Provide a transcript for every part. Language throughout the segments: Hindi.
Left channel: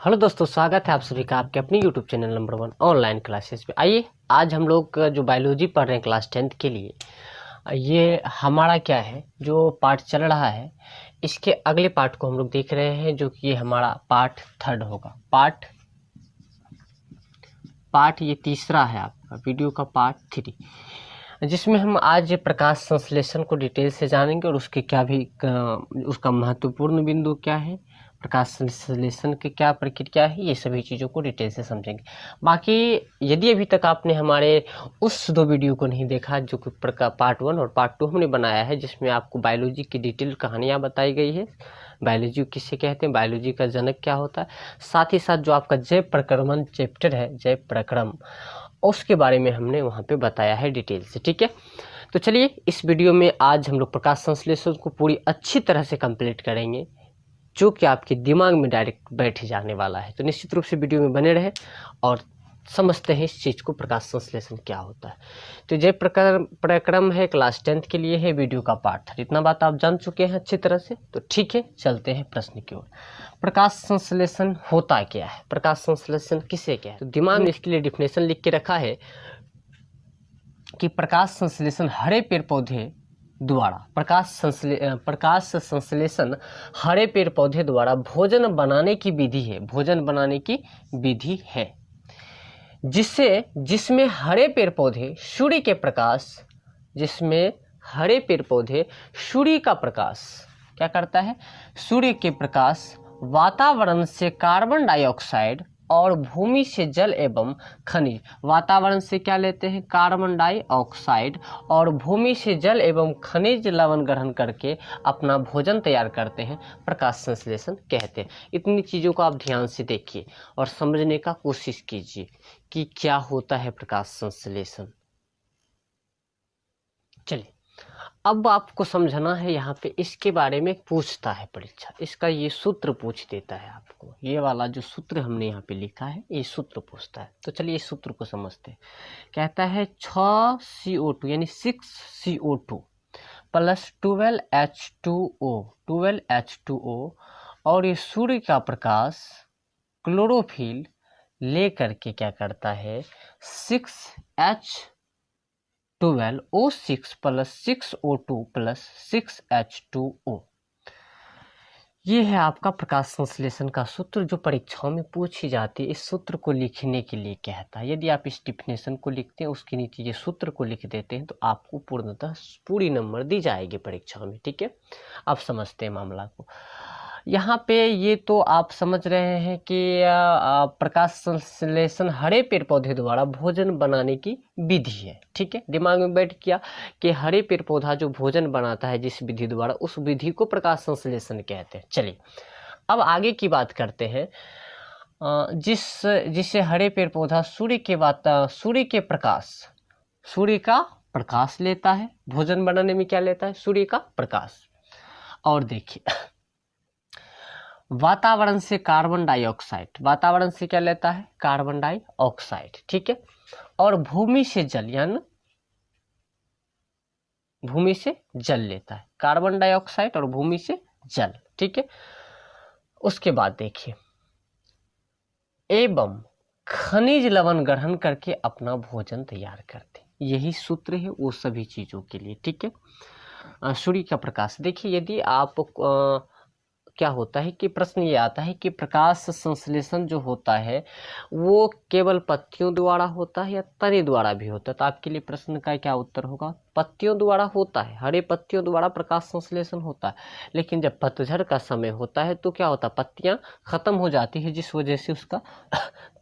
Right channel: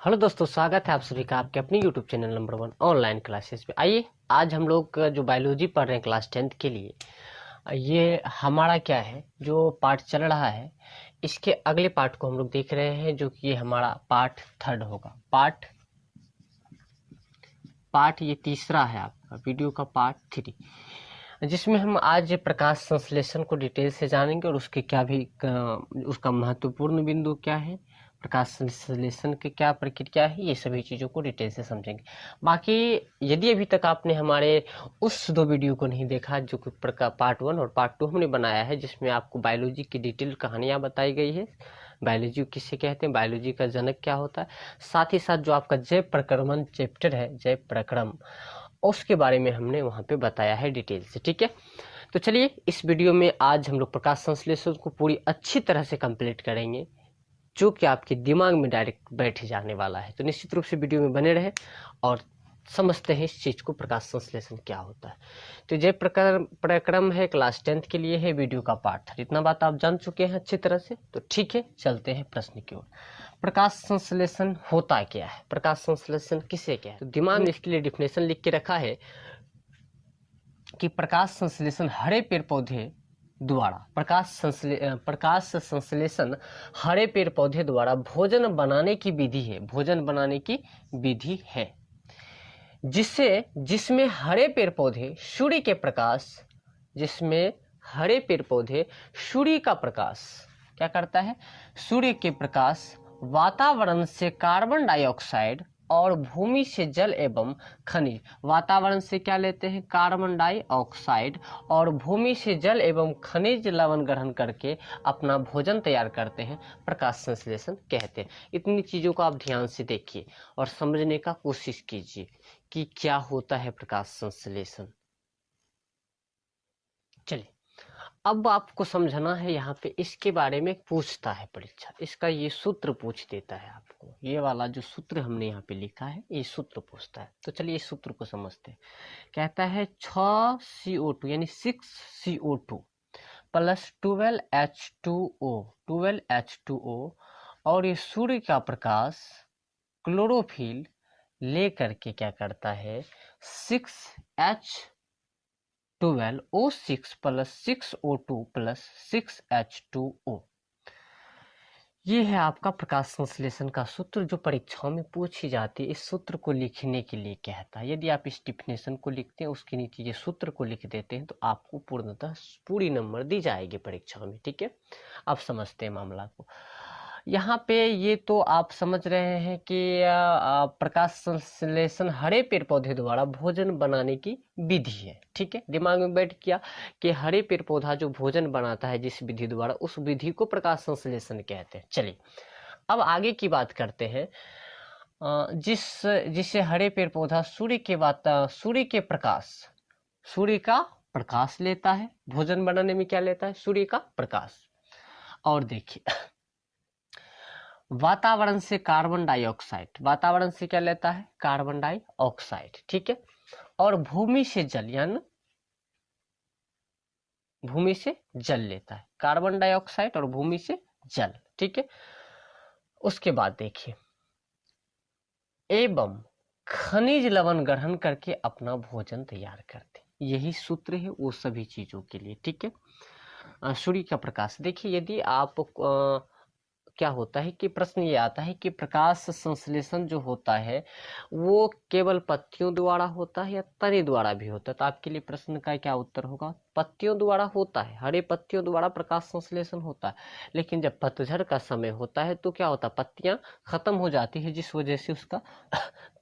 हेलो दोस्तों, स्वागत है आप सभी का आपके अपने YouTube channel number 1 online classes पे। आइए आज हम लोग जो बायोलॉजी पढ़ रहे हैं क्लास 10th के लिए, ये हमारा क्या है जो पार्ट चल रहा है, इसके अगले पार्ट को हम लोग देख रहे हैं, जो कि ये हमारा पार्ट 3rd होगा। पार्ट ये तीसरा है आपका वीडियो का पार्ट 3, जिसमें हम आज प्रकाश संश्लेषण को डिटेल से जानेंगे और उसके क्या भी उसका महत्वपूर्ण बिंदु क्या है, प्रकाश संश्लेषण की क्या प्रक्रिया है, ये सभी चीज़ों को डिटेल से समझेंगे। बाकी यदि अभी तक आपने हमारे उस 2 वीडियो को नहीं देखा, जो कि पार्ट 1 और पार्ट 2 हमने बनाया है, जिसमें आपको बायोलॉजी की डिटेल कहानियाँ बताई गई है, बायोलॉजी किसे कहते हैं, बायोलॉजी का जनक क्या होता है, साथ ही साथ जो आपका जैव प्रक्रमण चैप्टर है, जैव प्रक्रम, उसके बारे में हमने वहाँ पे बताया है डिटेल से। ठीक है, तो चलिए इस वीडियो में आज हम लोग प्रकाश संश्लेषण को पूरी अच्छी तरह से कंप्लीट करेंगे, जो कि आपके दिमाग में डायरेक्ट बैठ जाने वाला है। तो निश्चित रूप से वीडियो में बने रहे और समझते हैं इस चीज़ को, प्रकाश संश्लेषण क्या होता है। तो जैव प्रक्रम है, क्लास 10th के लिए है, वीडियो का पार्ट। इतना बात आप जान चुके हैं अच्छी तरह से। तो ठीक है, चलते हैं प्रश्न की ओर। प्रकाश संश्लेषण होता क्या है, प्रकाश संश्लेषण किसे कहते हैं? तो दिमाग ने इसके लिए डिफिनेशन लिख के रखा है कि प्रकाश संश्लेषण हरे पेड़ पौधे द्वारा प्रकाश संश्लेषण हरे पेड़ पौधे द्वारा भोजन बनाने की विधि है, भोजन बनाने की विधि है, जिसमें हरे पेड़ पौधे सूर्य के प्रकाश, जिसमें हरे पेड़ पौधे सूर्य का प्रकाश क्या करता है, सूर्य के प्रकाश वातावरण से कार्बन डाइऑक्साइड और भूमि से जल एवं खनिज, वातावरण से क्या लेते हैं, कार्बन डाइऑक्साइड, और भूमि से जल एवं खनिज लवण ग्रहण करके अपना भोजन तैयार करते हैं, प्रकाश संश्लेषण कहते हैं। इतनी चीज़ों को आप ध्यान से देखिए और समझने का कोशिश कीजिए कि क्या होता है प्रकाश संश्लेषण। चलिए अब आपको समझना है, यहाँ पे इसके बारे में पूछता है परीक्षा, इसका ये सूत्र पूछ देता है आपको, ये वाला जो सूत्र हमने यहाँ पे लिखा है ये सूत्र पूछता है। तो चलिए इस सूत्र को समझते हैं। कहता है 6CO2 यानी 6CO2 प्लस 12H2O और ये सूर्य का प्रकाश क्लोरोफिल ले करके क्या करता है, 6H12O6 plus 6O2 plus 6H2O। ये है आपका प्रकाश संश्लेषण का सूत्र, जो परीक्षाओं में पूछी जाती है। इस सूत्र को लिखने के लिए कहता है, यदि आप इस डिफिनेशन को लिखते हैं, उसके नीचे ये सूत्र को लिख देते हैं, तो आपको पूर्णतः पूरी नंबर दी जाएगी परीक्षाओं में। ठीक है, आप समझते हैं मामला को। यहाँ पे ये तो आप समझ रहे हैं कि प्रकाश संश्लेषण हरे पेड़ पौधे द्वारा भोजन बनाने की विधि है। ठीक है, दिमाग में बैठ गया कि हरे पेड़ पौधा जो भोजन बनाता है जिस विधि द्वारा, उस विधि को प्रकाश संश्लेषण कहते हैं। चलिए अब आगे की बात करते हैं। जिससे हरे पेड़ पौधा सूर्य का प्रकाश लेता है, भोजन बनाने में क्या लेता है, सूर्य का प्रकाश। और देखिए वातावरण से कार्बन डाइऑक्साइड, वातावरण से क्या लेता है, कार्बन डाइऑक्साइड। ठीक है, और भूमि से जल, यानी भूमि से जल लेता है, कार्बन डाइऑक्साइड और भूमि से जल। ठीक है, उसके बाद देखिए एवं खनिज लवण ग्रहण करके अपना भोजन तैयार करते, यही सूत्र है वो सभी चीजों के लिए। ठीक है, सूर्य का प्रकाश। देखिए यदि आप क्या होता है कि प्रश्न ये आता है कि प्रकाश संश्लेषण जो होता है वो केवल पत्तियों द्वारा होता है या तने द्वारा भी होता है, तो आपके लिए प्रश्न का क्या उत्तर होगा, पत्तियों द्वारा होता है, हरे पत्तियों द्वारा प्रकाश संश्लेषण होता है। लेकिन जब पतझड़ का समय होता है तो क्या होता है, पत्तियां खत्म हो जाती है, जिस वजह से उसका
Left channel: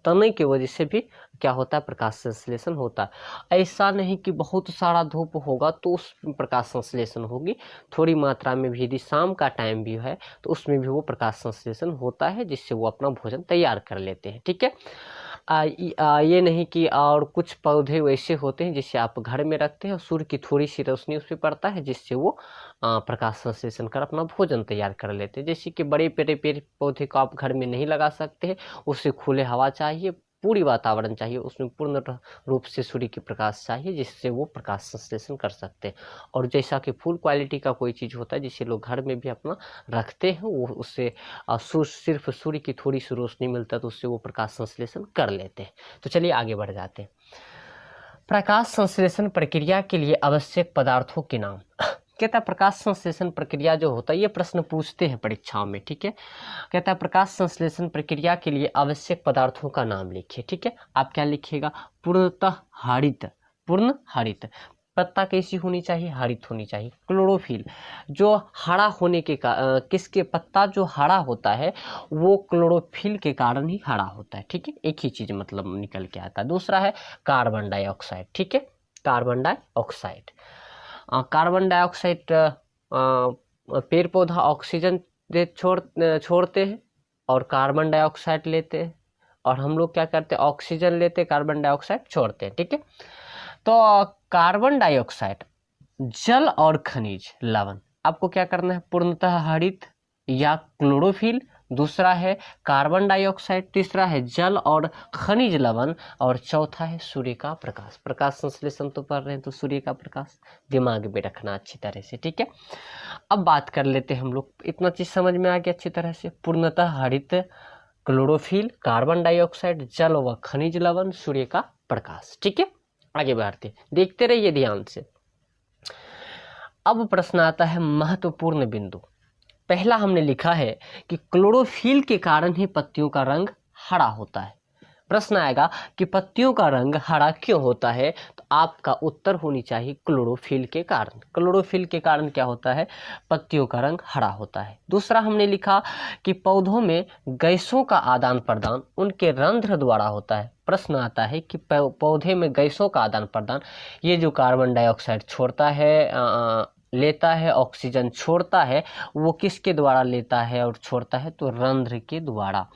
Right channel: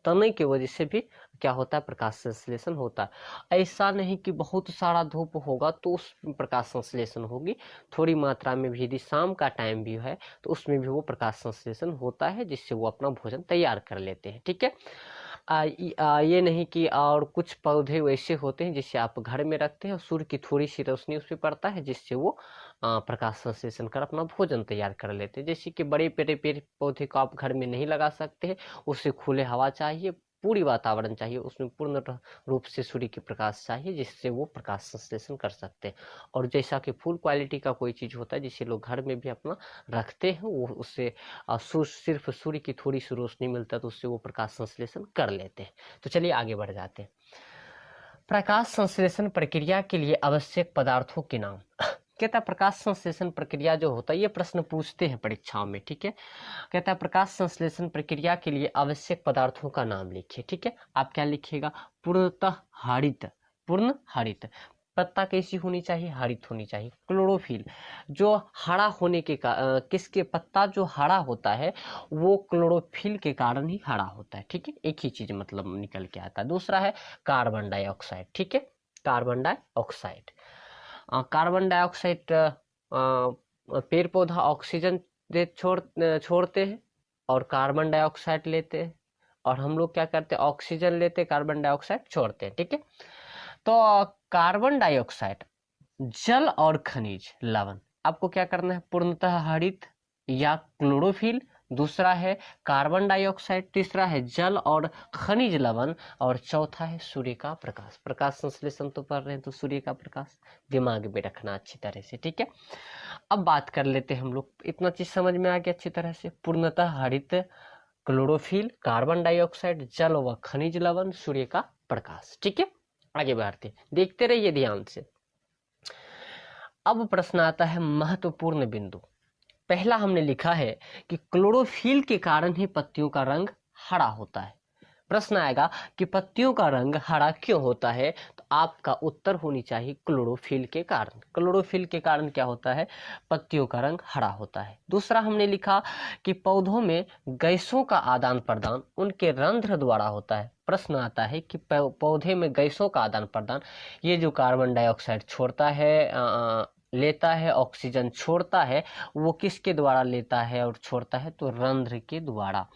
तने की वजह से भी क्या होता है, प्रकाश संश्लेषण होता है। ऐसा नहीं कि बहुत सारा धूप होगा तो उस प्रकाश संश्लेषण होगी, थोड़ी मात्रा में भी यदि शाम का टाइम भी है तो उसमें भी वो प्रकाश संश्लेषण होता है, जिससे वो अपना भोजन तैयार कर लेते हैं। ठीक है, ये नहीं कि और कुछ पौधे वैसे होते हैं जिसे आप घर में रखते हैं और सूर्य की थोड़ी सी रोशनी उस पर पड़ता है, जिससे वो प्रकाश संश्लेषण कर अपना भोजन तैयार कर लेते हैं। जैसे कि बड़े पेड़ पौधे को आप घर में नहीं लगा सकते हैं, उसे खुले हवा चाहिए, पूरी वातावरण चाहिए, उसमें पूर्ण रूप से सूर्य की प्रकाश चाहिए जिससे वो प्रकाश संश्लेषण कर सकते हैं। और जैसा कि फुल क्वालिटी का कोई चीज़ होता है जिसे लोग घर में भी अपना रखते हैं, वो उससे सिर्फ सूर्य की थोड़ी सी रोशनी मिलता है तो उससे वो प्रकाश संश्लेषण कर लेते हैं। तो चलिए आगे बढ़ जाते हैं। प्रकाश संश्लेषण प्रक्रिया के लिए आवश्यक पदार्थों के नाम। कहता है प्रकाश संश्लेषण प्रक्रिया जो होता है, ये प्रश्न पूछते हैं परीक्षाओं में, ठीक है। कहता है प्रकाश संश्लेषण प्रक्रिया के लिए आवश्यक पदार्थों का नाम लिखिए, ठीक है। आप क्या लिखिएगा? पूर्णतः हरित, पूर्ण हरित। पत्ता कैसी होनी चाहिए? हरित होनी चाहिए। क्लोरोफिल, जो हरा होने के किसके पत्ता जो हरा होता है वो क्लोरोफिल के कारण ही हरा होता है, ठीक है। एक ही चीज मतलब निकल के आता है। दूसरा है कार्बन डाइऑक्साइड, ठीक है। कार्बन डाइऑक्साइड, कार्बन डाइऑक्साइड पेड़ पौधा ऑक्सीजन छोड़ते हैं और कार्बन डाइऑक्साइड लेते हैं, और हम लोग क्या करते हैं? ऑक्सीजन लेते हैं, कार्बन डाइऑक्साइड छोड़ते हैं, ठीक है। तो कार्बन डाइऑक्साइड, जल और खनिज लवण, आपको क्या करना है? पूर्णतः हरित या क्लोरोफिल। दूसरा है कार्बन डाइऑक्साइड, तीसरा है जल और खनिज लवण, और चौथा है सूर्य का प्रकाश। प्रकाश संश्लेषण तो पढ़ रहे हैं तो सूर्य का प्रकाश दिमाग में रखना अच्छी तरह से, ठीक है। अब बात कर लेते हैं हम लोग, इतना चीज समझ में आ गया अच्छी तरह से। पूर्णतः हरित, क्लोरोफिल, कार्बन डाइऑक्साइड, जल व खनिज लवण, सूर्य का प्रकाश, ठीक है। आगे बढ़ते, देखते रहिए ध्यान से। अब प्रश्न आता है महत्वपूर्ण बिंदु। पहला हमने लिखा है कि क्लोरोफिल के कारण ही पत्तियों का रंग हरा होता है। प्रश्न आएगा कि पत्तियों का रंग हरा क्यों होता है, तो आपका उत्तर होनी चाहिए क्लोरोफिल के कारण। क्लोरोफिल के कारण क्या होता है? पत्तियों का रंग हरा होता है। दूसरा हमने लिखा कि पौधों में गैसों का आदान प्रदान उनके रंध्र द्वारा होता है। प्रश्न आता है कि पौधे में गैसों का आदान प्रदान, ये जो कार्बन डाइऑक्साइड छोड़ता है लेता है, ऑक्सीजन छोड़ता है, वो किसके द्वारा लेता है और छोड़ता है? तो रंध्र के द्वारा।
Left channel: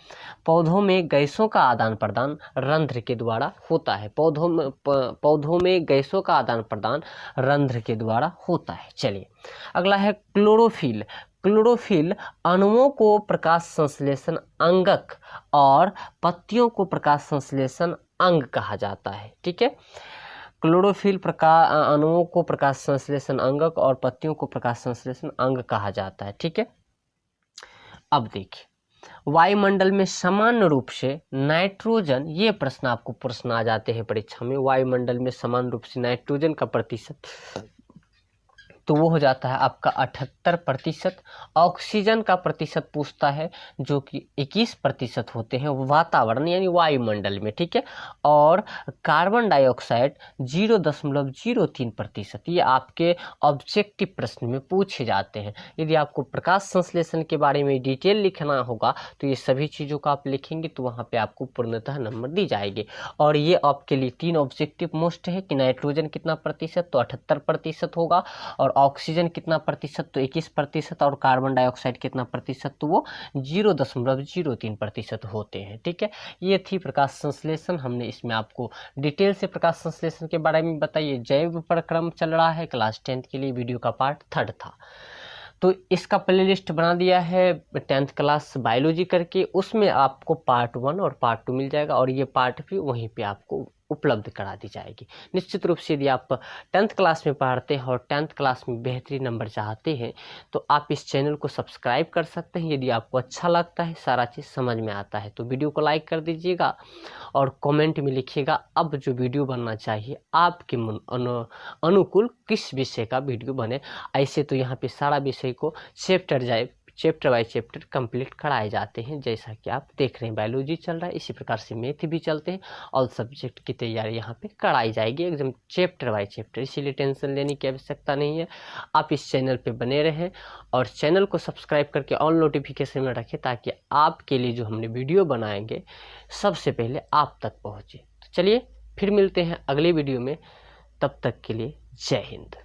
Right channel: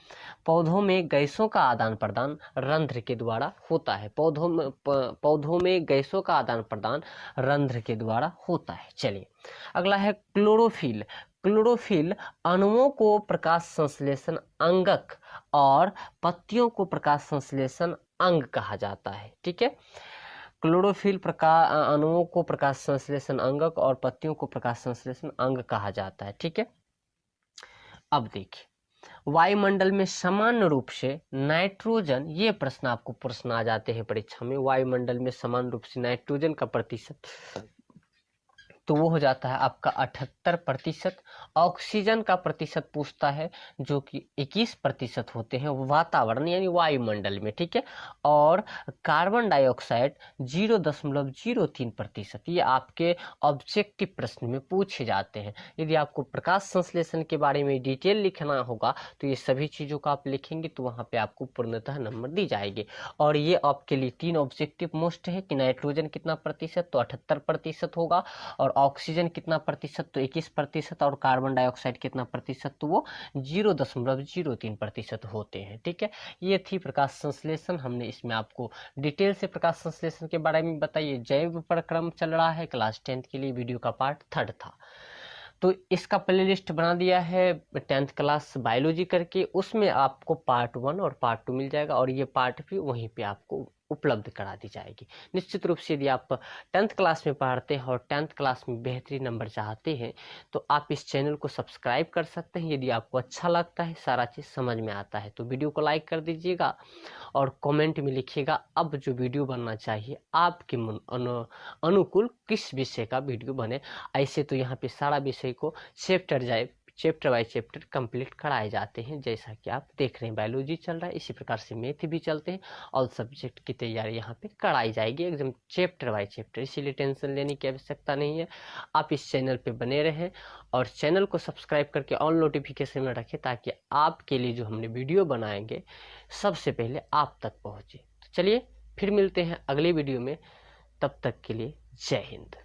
पौधों में गैसों का आदान प्रदान रंध्र के द्वारा होता है। पौधों में गैसों का आदान प्रदान रंध्र के द्वारा होता है। चलिए अगला है क्लोरोफिल। क्लोरोफिल अणुओं को प्रकाश संश्लेषण अंगक और पत्तियों को प्रकाश संश्लेषण अंग कहा जाता है, ठीक है। क्लोरोफिल अणुओं को प्रकाश संश्लेषण अंगक और पत्तियों को प्रकाश संश्लेषण अंग कहा जाता है, ठीक है। अब देखिए, वायुमंडल में समान रूप से नाइट्रोजन, ये प्रश्न आपको प्रश्न आ जाते हैं परीक्षा में, वायुमंडल में समान रूप से नाइट्रोजन का प्रतिशत, तो वो हो जाता है आपका 78%। ऑक्सीजन का प्रतिशत पूछता है जो कि 21% होते हैं वातावरण यानी वायुमंडल में, ठीक है। और कार्बन डाइऑक्साइड 0.03%। ये आपके ऑब्जेक्टिव प्रश्न में पूछे जाते हैं। यदि आपको प्रकाश संश्लेषण के बारे में डिटेल लिखना होगा तो ये सभी चीज़ों को आप लिखेंगे तो वहाँ पे आपको पूर्णतः नंबर दी जाएगी। और ये आपके लिए 3 ऑब्जेक्टिव मोस्ट है कि नाइट्रोजन कितना प्रतिशत, तो 78% होगा, और ऑक्सीजन कितना प्रतिशत, तो 21%, और कार्बन डाइऑक्साइड कितना प्रतिशत, तो वो 0.03% होते हैं, ठीक है। ये थी प्रकाश संश्लेषण। हमने इसमें आपको डिटेल से प्रकाश संश्लेषण के बारे में बताइए। जैव प्रक्रम चल रहा है, क्लास 10th के लिए वीडियो का पार्ट 3 था, तो इसका प्लेलिस्ट बना दिया है 10th क्लास बायोलॉजी करके, उसमें आपको पार्ट 1 और पार्ट 2 मिल जाएगा, और ये पार्ट भी वहीं पे आपको उपलब्ध करा दी जाएगी। निश्चित रूप से यदि आप 10th क्लास में पढ़ते हैं और 10th क्लास में बेहतरीन नंबर चाहते हैं तो आप इस चैनल को सब्सक्राइब कर सकते हैं। यदि आपको अच्छा लगता है, सारा चीज़ समझ में आता है, तो वीडियो को लाइक कर दीजिएगा और कमेंट में लिखिएगा अब जो वीडियो बनना चाहिए आपके अनुकूल किस विषय का वीडियो बने। ऐसे तो यहाँ पे सारा विषय को चैप्टर बाय चैप्टर कंप्लीट कराए जाते हैं, जैसा कि आप देख रहे हैं बायोलॉजी चल रहा है, इसी प्रकार से मैथ भी चलते हैं। ऑल सब्जेक्ट की तैयारी यहाँ पे कराई जाएगी एकदम चैप्टर बाय चैप्टर, इसीलिए टेंशन लेने की आवश्यकता नहीं है। आप इस चैनल पे बने रहें और चैनल को सब्सक्राइब करके ऑल नोटिफिकेशन में रखें ताकि आपके लिए जो हमने वीडियो बनाएंगे सबसे पहले आप तक पहुँचे। तो चलिए फिर मिलते हैं अगले वीडियो में, तब तक के लिए जय हिंद।